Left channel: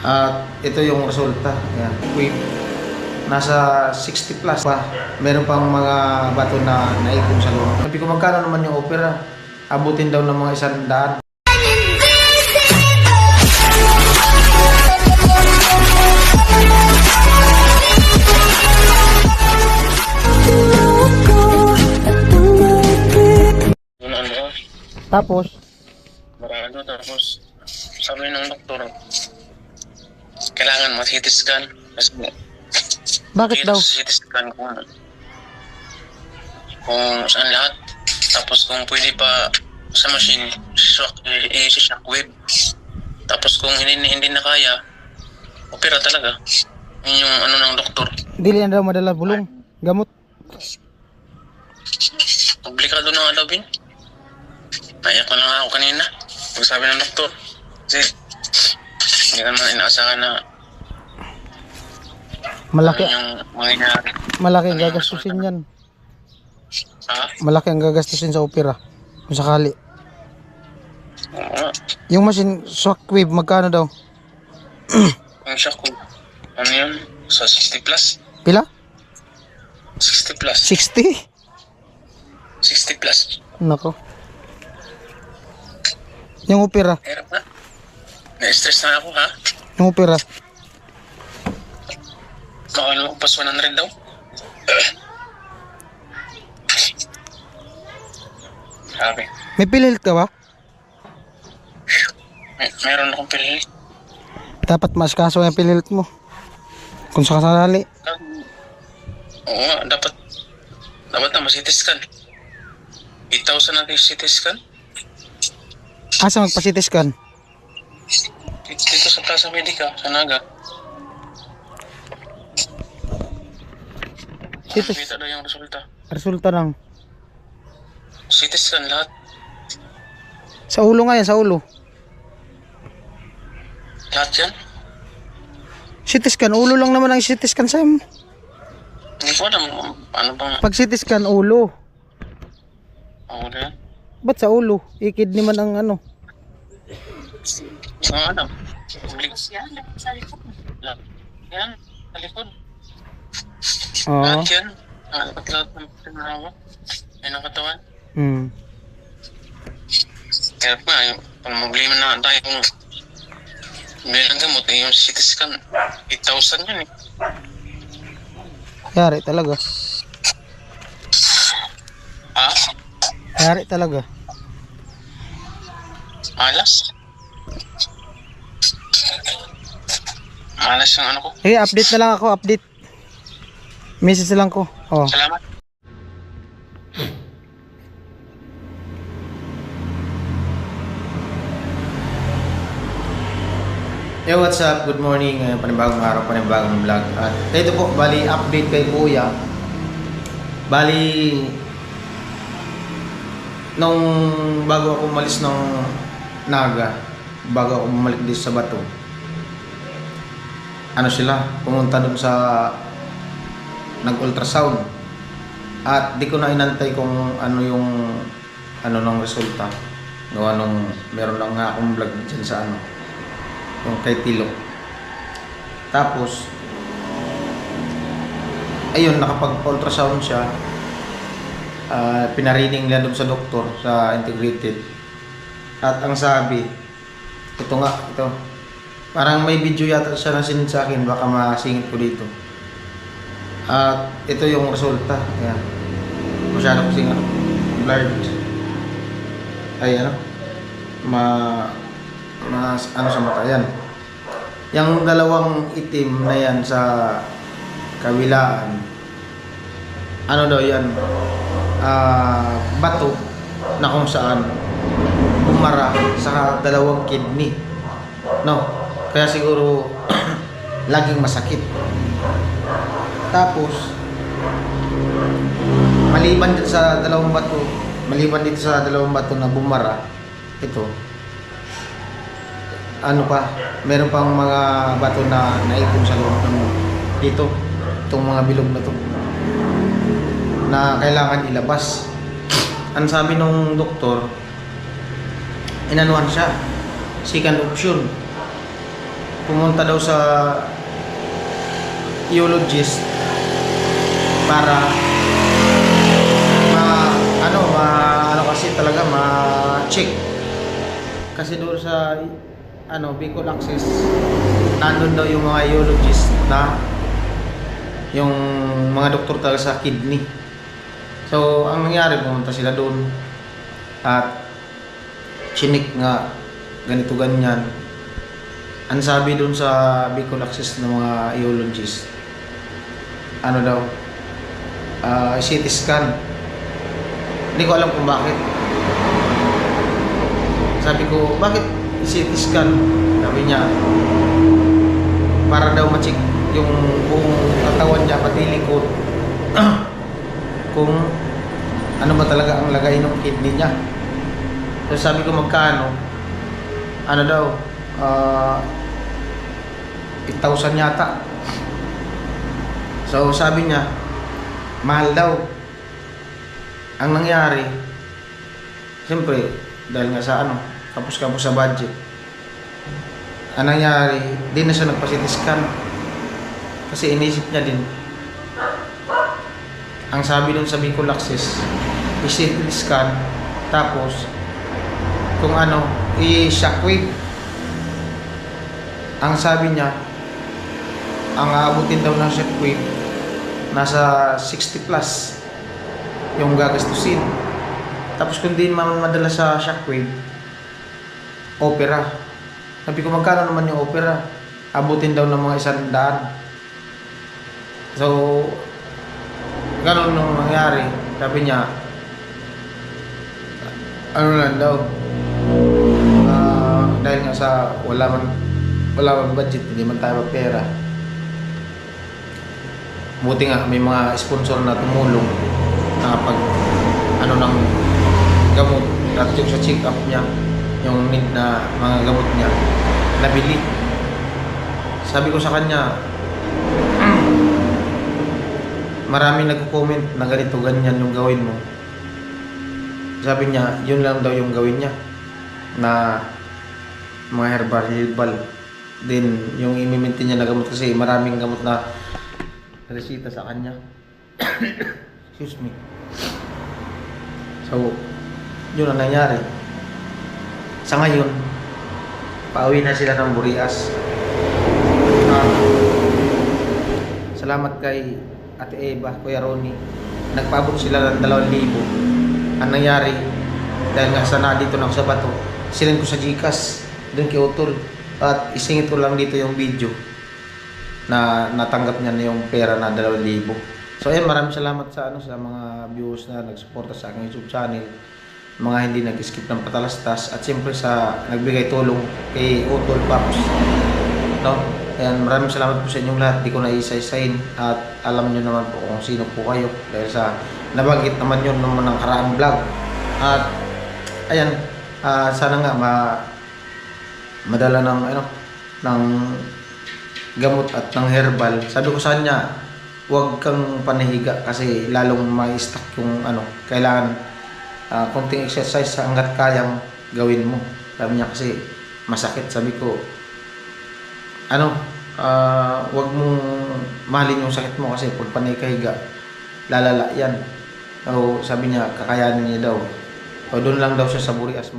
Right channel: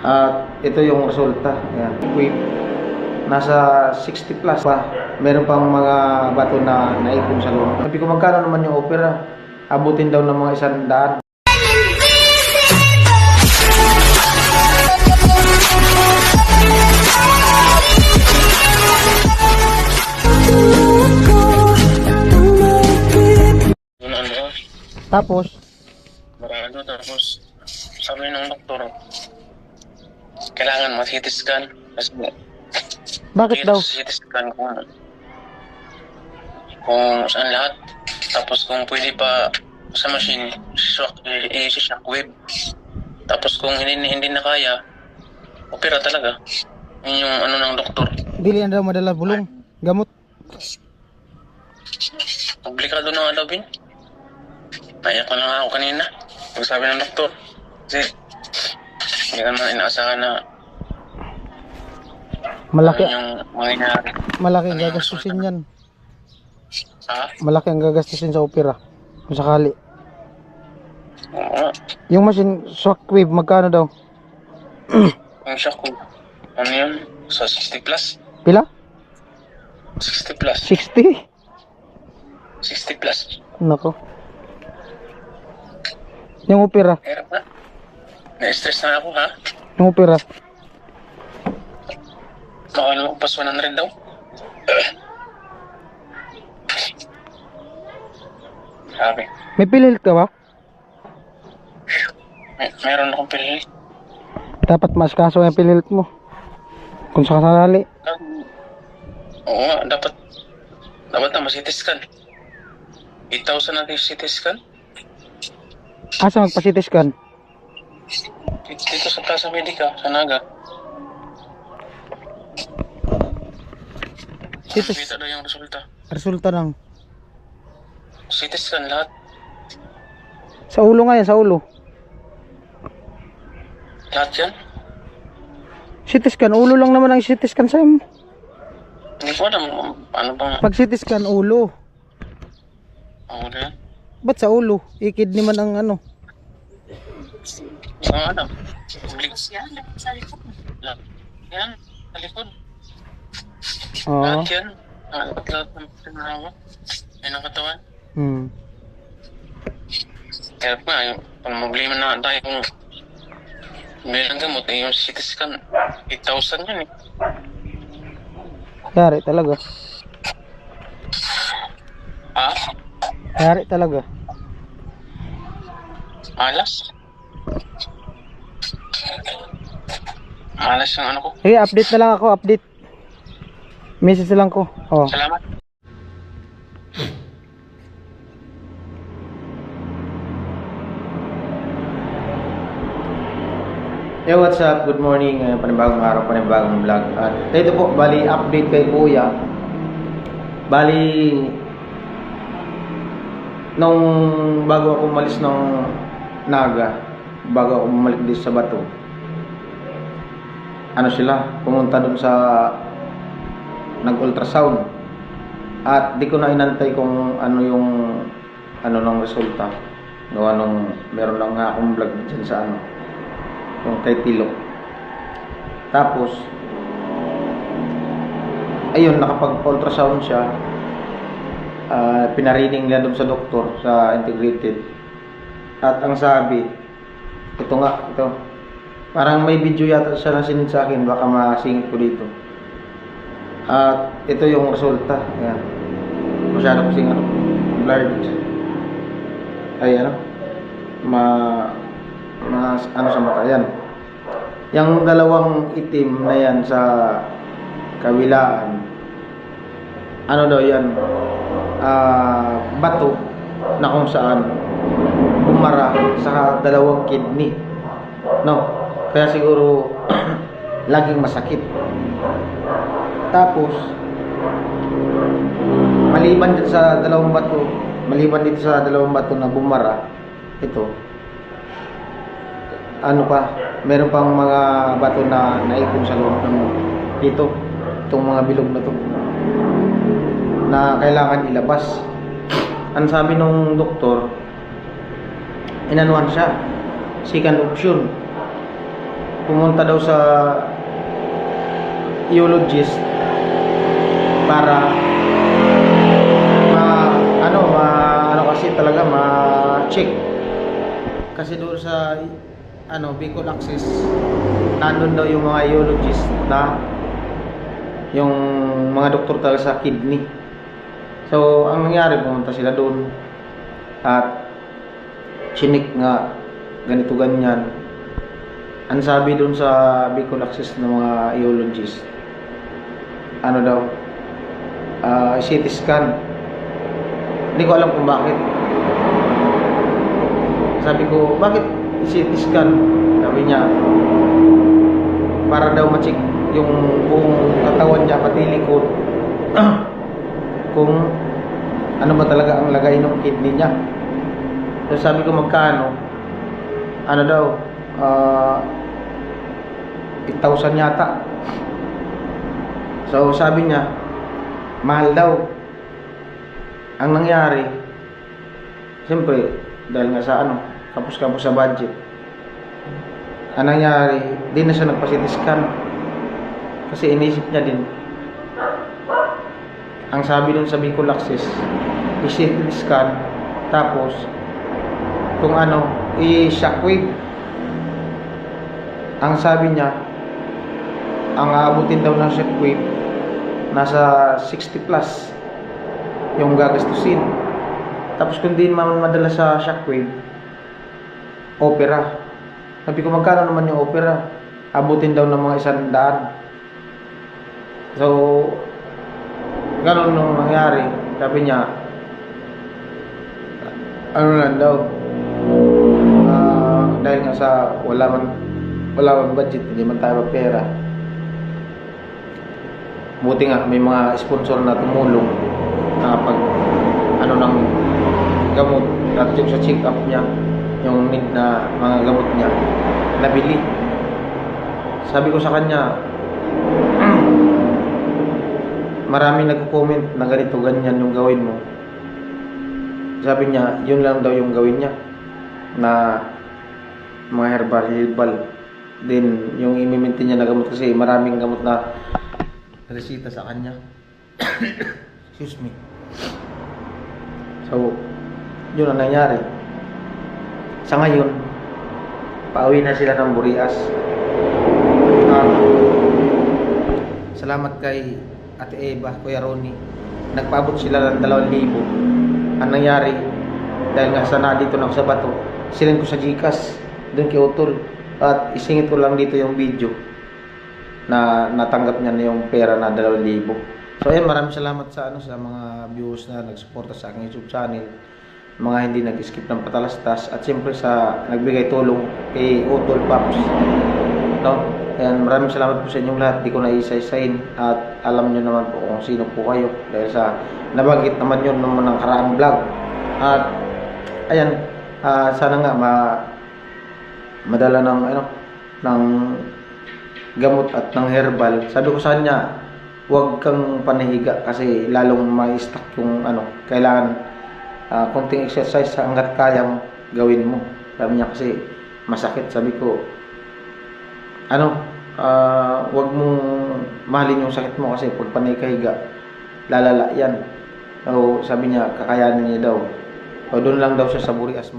At ito yung resulta. Ayan. Nasa 60 plus pa. Meron pang mga bato na naipon sa loob. Sabi ko, magkano naman yung opera? Abutin daw ng mga 100. Tapos, tapos sabi ng doktor, kailangan mag-CT scan. Kasi bakit daw? CT scan kung saan lahat. Tapos kung pwede pa sa machine, shockwave. Tapos kung hindi na kaya, opera talaga. Yun yung ano ng doktor. Dili na daw madala bulong, gamot. Komplikado na nga daw, Bin. Naiyak ko na nga ako kanina. Pagsabi ng doktor. Kasi hindi ka naman inaasahan na Malaki, ano yung mangyayari. malaki ang gagastusin yan. Ha? Malaki ang gagastusin sa opera. Kung sakali. Oo. Yung machine, shockwave, magkano daw? Ang shock ko. Ano yun? Sa 60 plus? Pila? 60 plus. 60? 60 plus. Nako. Yung opera, Hirap na. Na-stress na ako, ha? yung opera. Makalo ko pas 100 daw. Sabi. May PhilHealth ka ba? Meron akong pili. Dapat maaskaso yung PhilHealth mo. Kung sakasali. Oo nga, dapat na ma-CT scan. 8,000 natin yung CT scan. Asa magpa-CT scan? Dito sa Plaza Medica, sa Naga. Kita daw yung resulta. Resulta ng CT scan lahat. sa ulo nga yan, sa ulo. Lahat yan. CT scan, ulo lang naman ang CT scan sa mo. Hindi ko alam ano bang Pag CT scan, ulo. ano yan. Ba't sa ulo? I-kidney man ang ano. Sa alam. Yan, sa likod. Yan, sa likod. Oo. Lahat yan. Lahat ng pinarawa. Yan ang katawan. Kaya pa, pag problema na tayo kung may lang gamot, yung CT scan, 8,000 yan eh. Yari talaga. Ha? Yari talaga. Malas? Malas yung ano ko. Sige, update na lang ako, update. Message lang ko. Oh. Salamat. Hey, what's up? Good morning. Panibagong araw, panibagong vlog. At ito po, bali update kay Kuya. Bali nung bago ako umalis ng Naga, bago ako bumalik dito sa Bato, ano sila, pumunta dun sa nag-ultrasound. At di ko na inantay kung ano yung ano ng resulta. Gawa nung meron lang nga akong vlog dyan sa ano, yung kay Tilo. Tapos ayun, nakapag-ultrasound siya. Pinarining niya doon sa doktor sa integrated. At ang sabi, ito nga, ito. Parang may video yata siya na sinend sa akin, baka masingit ko dito. At ito yung resulta. Ayan. Masyado kasing ano, blurred. Ay ano, ano sa mata yan. Yung dalawang itim na yan sa kawilaan, ano daw yan, bato na kung saan bumara sa dalawang kidney, no? Kaya siguro laging masakit. Tapos maliban dito sa dalawang bato na bumara, ito ano pa, meron pang mga bato na naipon sa loob ng dito, itong mga bilog na to na kailangan ilabas. Ang sabi nung doktor, inanuhan siya, second option, pumunta daw sa urologist para ano kasi talaga ma-check. Kasi doon sa Bicol Access, nandun daw yung mga urologist na yung mga doktor talaga sa kidney. So, ang nangyari, pumunta sila doon at chinik nga ganito ganyan. Ang sabi doon sa Bicol Access ng mga urologist, daw, CT scan. Hindi ko alam kung bakit. Sabi ko, bakit CT scan? Sabi niya, para daw ma-check yung buong katawan niya, pati likod. Kung ano ba talaga ang lagay ng kidney niya. So sabi ko, magkano? Ano daw? 8,000 yata. So sabi niya, mahal daw. Ang nangyari, siyempre, dahil nga sa kapos-kapos sa budget, ang nangyari, di na siya nagpa-CT scan. Kasi inisip niya din, ang sabi dun sa Bicol Access, i-CT scan, tapos, kung i-shockwave. Ang sabi niya, ang aabutin daw ng shockwave, nasa 60 plus yung gagastusin. Tapos kung di madala sa shockwave, opera. Sabi ko, magkano naman yung opera? Abutin daw ng mga 100. So, ganun nung nangyari. Sabi niya, lang daw, dahil nga sa wala man budget, hindi man tayo pera. Buti nga may mga sponsor na tumulong na pag ng gamot at yung sa check up niya, yung need na mga gamot niya nabili. Sabi ko sa kanya, maraming nagko-comment na ganito ganyan yung gawin mo. Sabi niya, yun lang daw yung gawin niya, na mga herbal. Then yung imimintin niya na gamot, kasi maraming gamot na resita sa kanya. Excuse me. So, yun ang nangyari. Sa ngayon, pauwi na sila ng Burias. Salamat kay Ate Eva, Kuya Ronnie. Nagpaabot sila ng 2,000. Ang nangyari, dahil nga sana dito na ako sa bato, silend ko sa Gcash, doon kay Utol. At isingit ko lang dito yung video na natanggap niya na yung pera na 2,000. So ayan, maraming salamat sa sa mga viewers na nagsuporta sa aking YouTube channel, mga hindi nag-skip ng patalastas, at siyempre sa nagbigay tulong kay Utol Pops. No? Ayan, maraming salamat po sa inyong lahat. Di ko na isa-isahin, at alam niyo naman po kung sino po kayo dahil sa nabanggit naman yun naman ng karaang vlog. At ayan, sana nga madala ng gamot at ng herbal. Sabi ko sa kanya, huwag kang panahiga kasi lalong ma-stuck yung kailangan konting exercise hanggat kayang gawin mo. Sabi niya kasi masakit. Sabi ko, huwag mong mahalin yung sakit mo kasi pag panay kahiga, lalala yan. So sabi niya, kakayanin niya daw. So doon lang daw siya sa Burias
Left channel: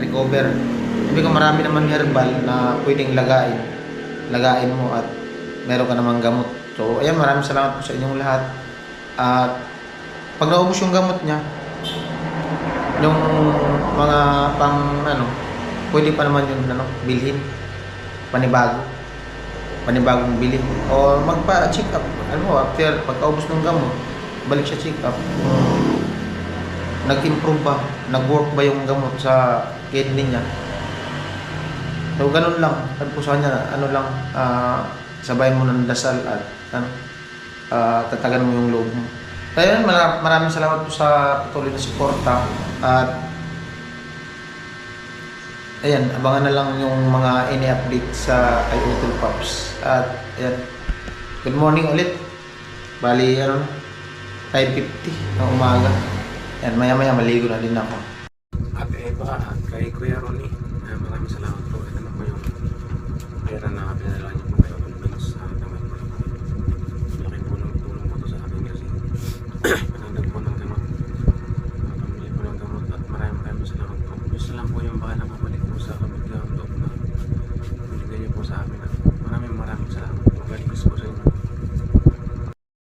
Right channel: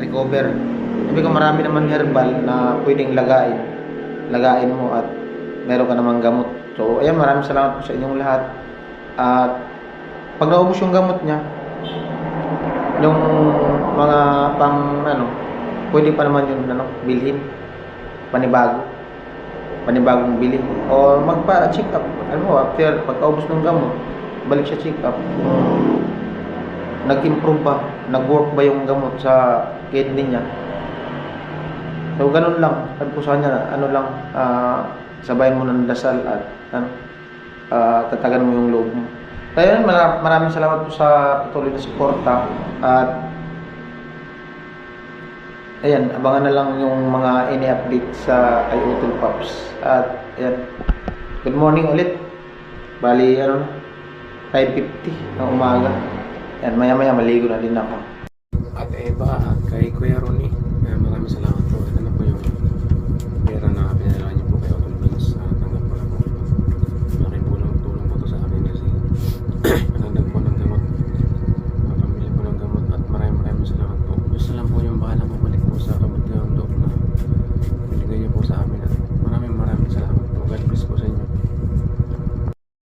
recover. Sabi ko, marami naman herbal na pwedeng lagain mo at meron ka namang gamot. So ayan, maraming salamat po sa inyong lahat. At pag naubos yung gamot niya, yung mga pwede pa naman yung bilhin panibagong bilhin o magpa-check up. After pagkaubos ng gamot, balik siya check up. Nag-improve ba? Nag-work ba yung gamot sa kidney niya? So ganun lang. Sabi ko sa kanya, sabayan mo ng dasal at tatagan mo yung loob mo. Kaya maraming salamat po sa patuloy na suporta. At ayan, abangan na lang yung mga ini-update sa kay Utol Pops. At ayan, good morning ulit. Bali 5:50 ng umaga. Ayan, maya-maya maligo na din ako. At Eva at kay Kuya Ronnie, maraming salamat po. Ito na po yung